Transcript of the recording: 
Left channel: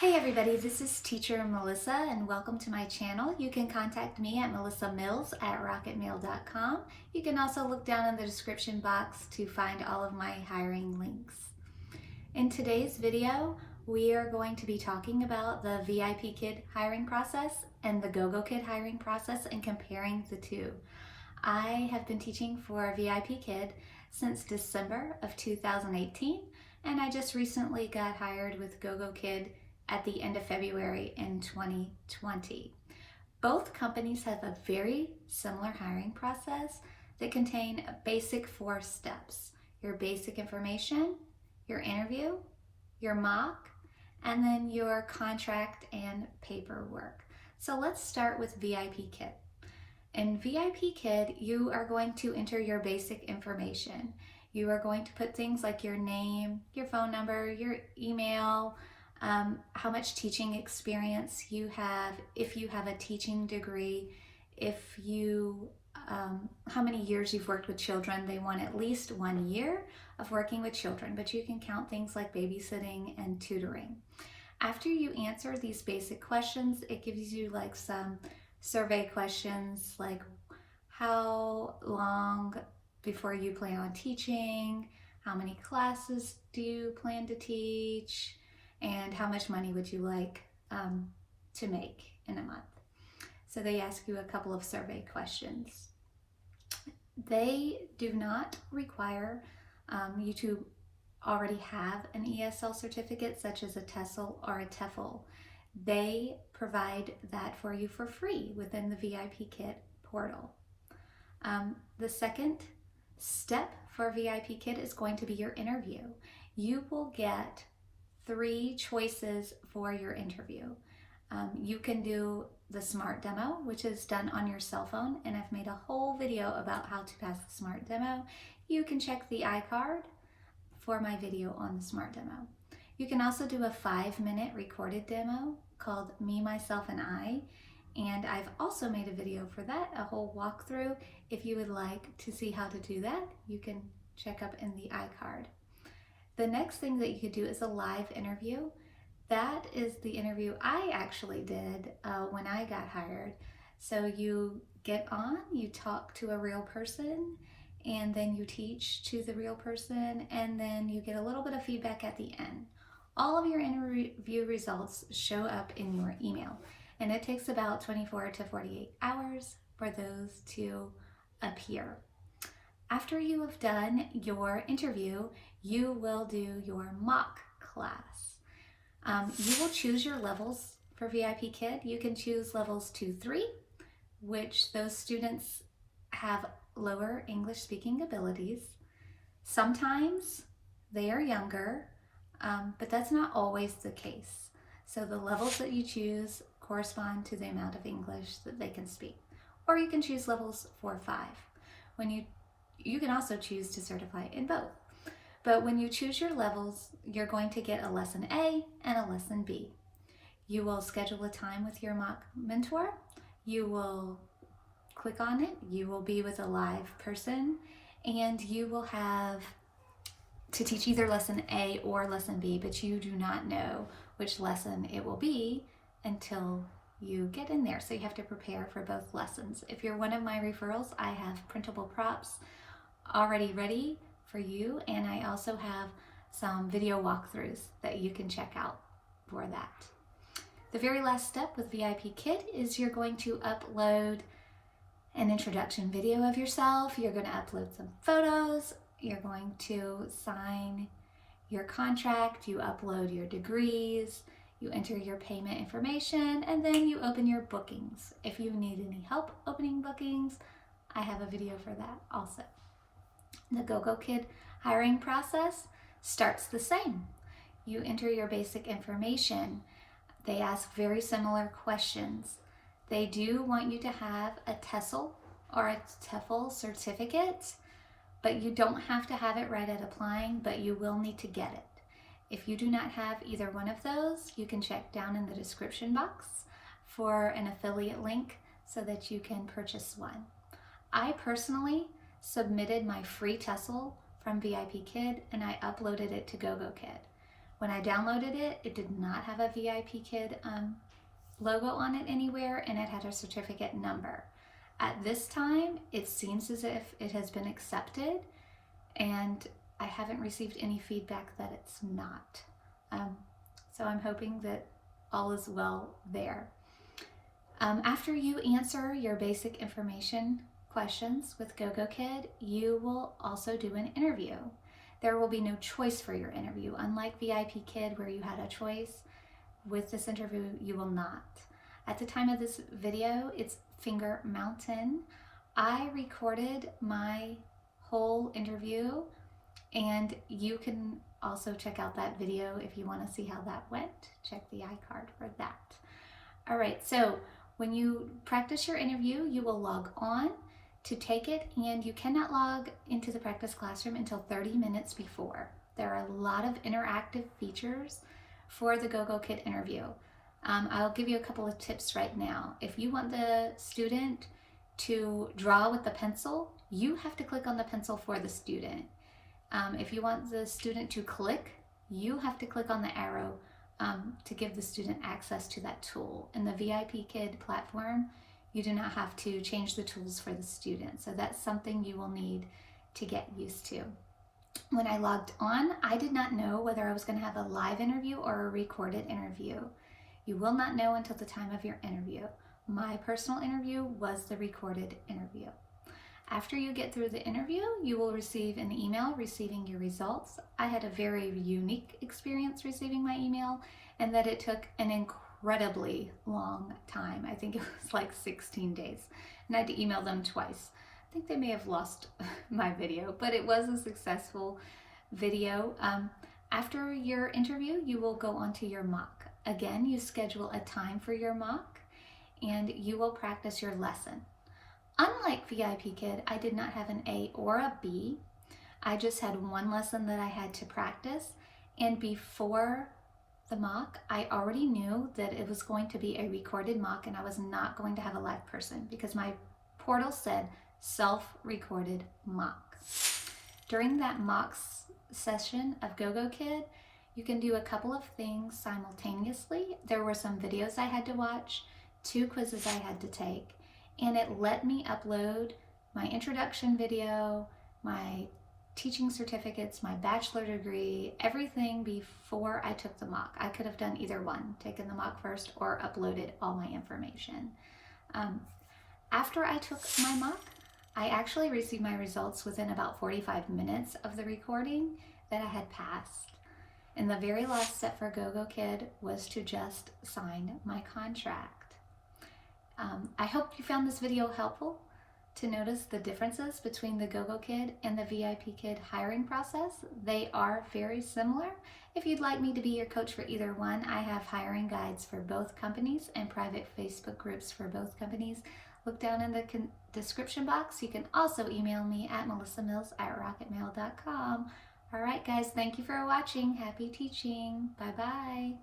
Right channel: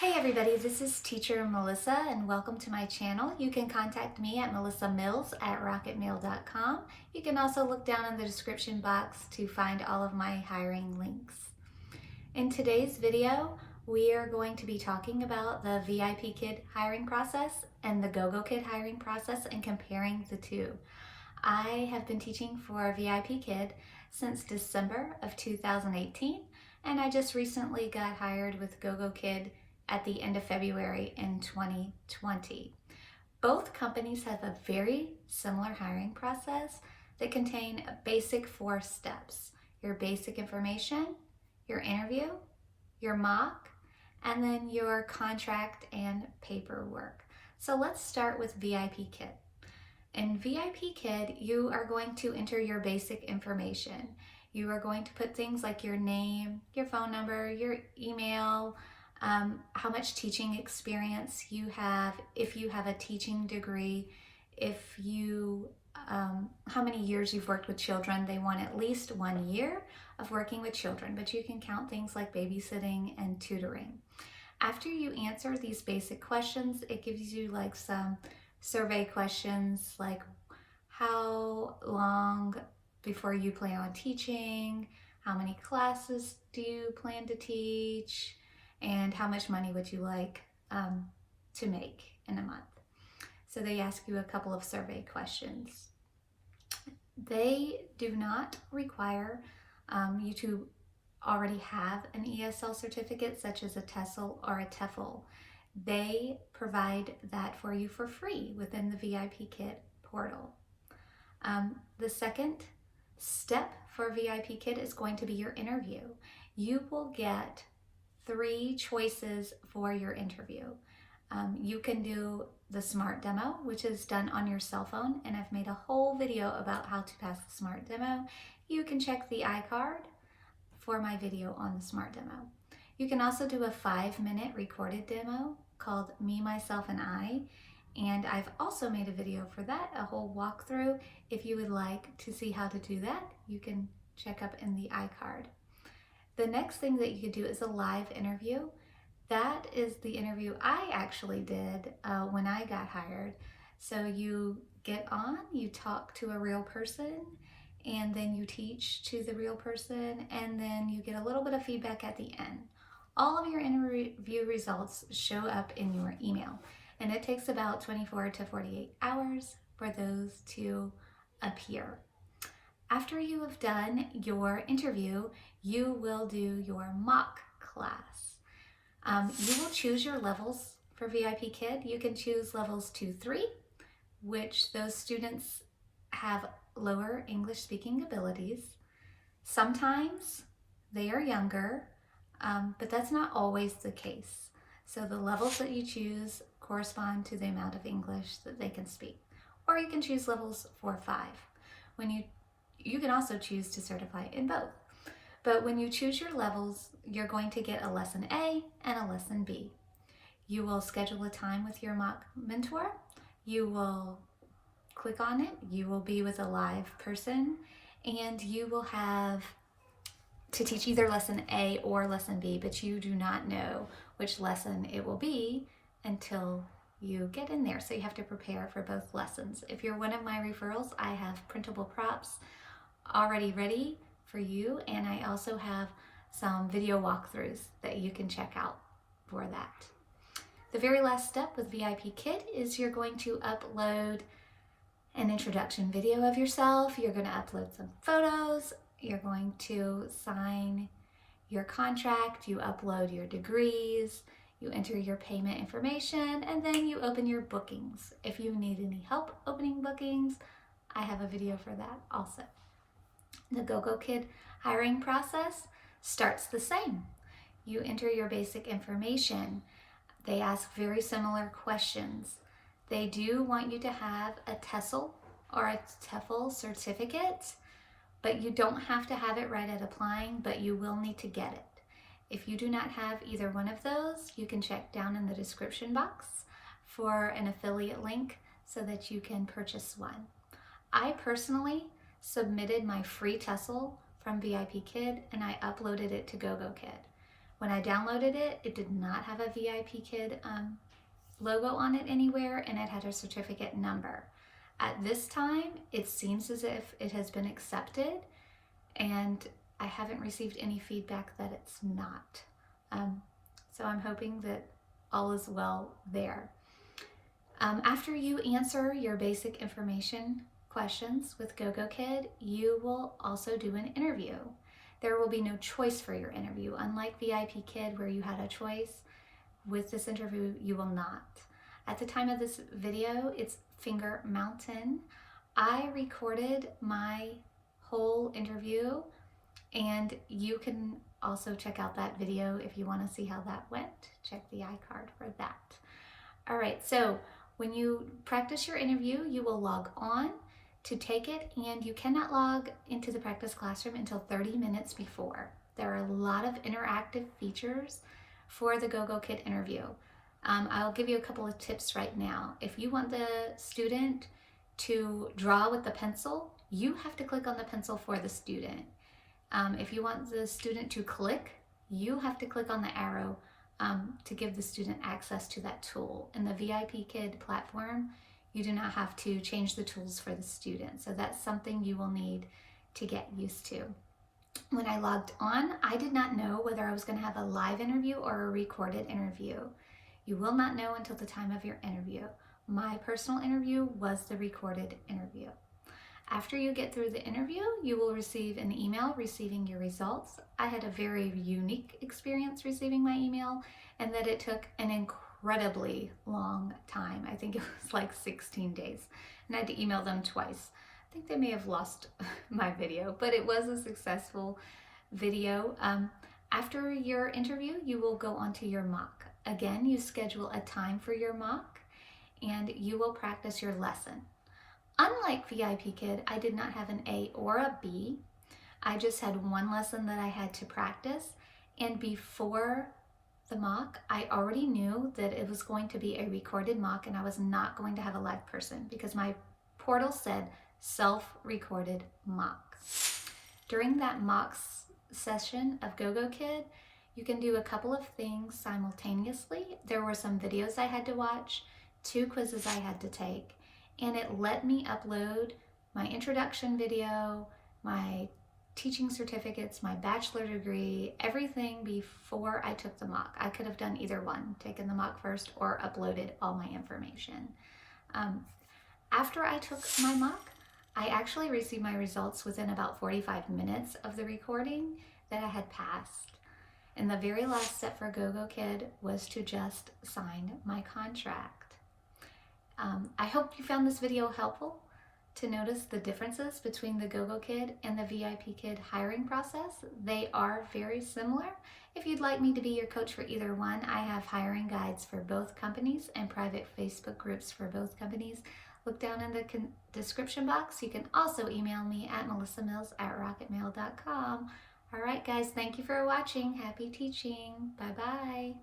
Hey everybody, this is Teacher Melissa and welcome to my channel. You can contact me at melissamills@rocketmail.com. You can also look down in the description box to find all of my hiring links. In today's video, we are going to be talking about the VIPKid hiring process and the GogoKid hiring process and comparing the two. I have been teaching for VIPKid since December of 2018, and I just recently got hired with GogoKid at the end of February in 2020. Both companies have a very similar hiring process that contain a basic 4 steps: your basic information, your interview, your mock, and then your contract and paperwork. So let's start with VIPKid. In VIPKid, you are going to enter your basic information. You are going to put things like your name, your phone number, your email, how much teaching experience you have, if you have a teaching degree, how many years you've worked with children. They want at least 1 year of working with children, but you can count things like babysitting and tutoring. After you answer these basic questions, it gives you like some survey questions like how long before you plan on teaching, how many classes do you plan to teach, and how much money would you like to make in a month. So they ask you a couple of survey questions. They do not require you to already have an ESL certificate such as a TESOL or a TEFL. They provide that for you for free within the VIPKid portal. The second step for VIPKid is going to be your interview. You will get 3 choices for your interview. You can do the SMART demo, which is done on your cell phone, and I've made a whole video about how to pass the SMART demo. You can check the iCard for my video on the SMART demo. You can also do a 5-minute recorded demo called Me, Myself, and I, and I've also made a video for that, a whole walkthrough. If you would like to see how to do that, you can check up in the iCard. The next thing that you could do is a live interview. That is the interview I actually did when I got hired. So you get on, you talk to a real person, and then you teach to the real person, and then you get a little bit of feedback at the end. All of your interview results show up in your email, and it takes about 24 to 48 hours for those to appear. After you have done your interview, you will do your mock class. You will choose your levels for VIPKid. You can choose levels 2, 3, which those students have lower English speaking abilities. Sometimes they are younger, but that's not always the case. So the levels that you choose correspond to the amount of English that they can speak. Or you can choose levels 4, 5. You can also choose to certify in both. But when you choose your levels, you're going to get a lesson A and a lesson B. You will schedule a time with your mock mentor. You will click on it. You will be with a live person, and you will have to teach either lesson A or lesson B, but you do not know which lesson it will be until you get in there. So you have to prepare for both lessons. If you're one of my referrals, I have printable props already ready for you, and I also have some video walkthroughs that you can check out for that. The very last step with VIPKid is you're going to upload an introduction video of yourself. You're going to upload some photos. You're going to sign your contract. You upload your degrees. You enter your payment information, and then you open your bookings. If you need any help opening bookings, I have a video for that also. The GogoKid hiring process starts the same. You enter your basic information. They ask very similar questions. They do want you to have a TESOL or a TEFL certificate, but you don't have to have it right at applying, but you will need to get it. If you do not have either one of those, you can check down in the description box for an affiliate link so that you can purchase one. I personally submitted my free TESOL from VIPKid and I uploaded it to GogoKid. When I downloaded it, it did not have a VIPKid logo on it anywhere, and it had a certificate number. At this time, it seems as if it has been accepted, and I haven't received any feedback that it's not. So I'm hoping that all is well there. After you answer your basic information questions with GogoKid, you will also do an interview. There will be no choice for your interview. Unlike VIPKid, where you had a choice, with this interview, you will not. At the time of this video, it's Finger Mountain. I recorded my whole interview, and you can also check out that video if you want to see how that went. Check the iCard for that. All right, so when you practice your interview, you will log on to take it, and you cannot log into the practice classroom until 30 minutes before. There are a lot of interactive features for the GogoKid interview. I'll give you a couple of tips right now. If you want the student to draw with the pencil, you have to click on the pencil for the student. If you want the student to click, you have to click on the arrow to give the student access to that tool. In the VIPKid platform, you do not have to change the tools for the student. So that's something you will need to get used to. When I logged on, I did not know whether I was going to have a live interview or a recorded interview. You will not know until the time of your interview. My personal interview was the recorded interview. After you get through the interview, you will receive an email receiving your results. I had a very unique experience receiving my email, and that it took an incredibly long time. I think it was like 16 days, and I had to email them twice. I think they may have lost my video, but it was a successful video. After your interview, you will go on to your mock. Again, you schedule a time for your mock, and you will practice your lesson. Unlike VIPKid, I did not have an A or a B. I just had one lesson that I had to practice, and before the mock, I already knew that it was going to be a recorded mock, and I was not going to have a live person because my portal said self-recorded mock. During that mock session of GogoKid, you can do a couple of things simultaneously. There were some videos I had to watch, 2 quizzes I had to take, and it let me upload my introduction video, my teaching certificates, my bachelor degree, everything before I took the mock. I could have done either one, taken the mock first or uploaded all my information. After I took my mock, I actually received my results within about 45 minutes of the recording that I had passed. And the very last step for GogoKid was to just sign my contract. I hope you found this video helpful to notice the differences between the GogoKid and the VIPKid hiring process. They are very similar. If you'd like me to be your coach for either one, I have hiring guides for both companies and private Facebook groups for both companies. Look down in the description box. You can also email me at melissamills@rocketmail.com. All right, guys, thank you for watching. Happy teaching. Bye-bye.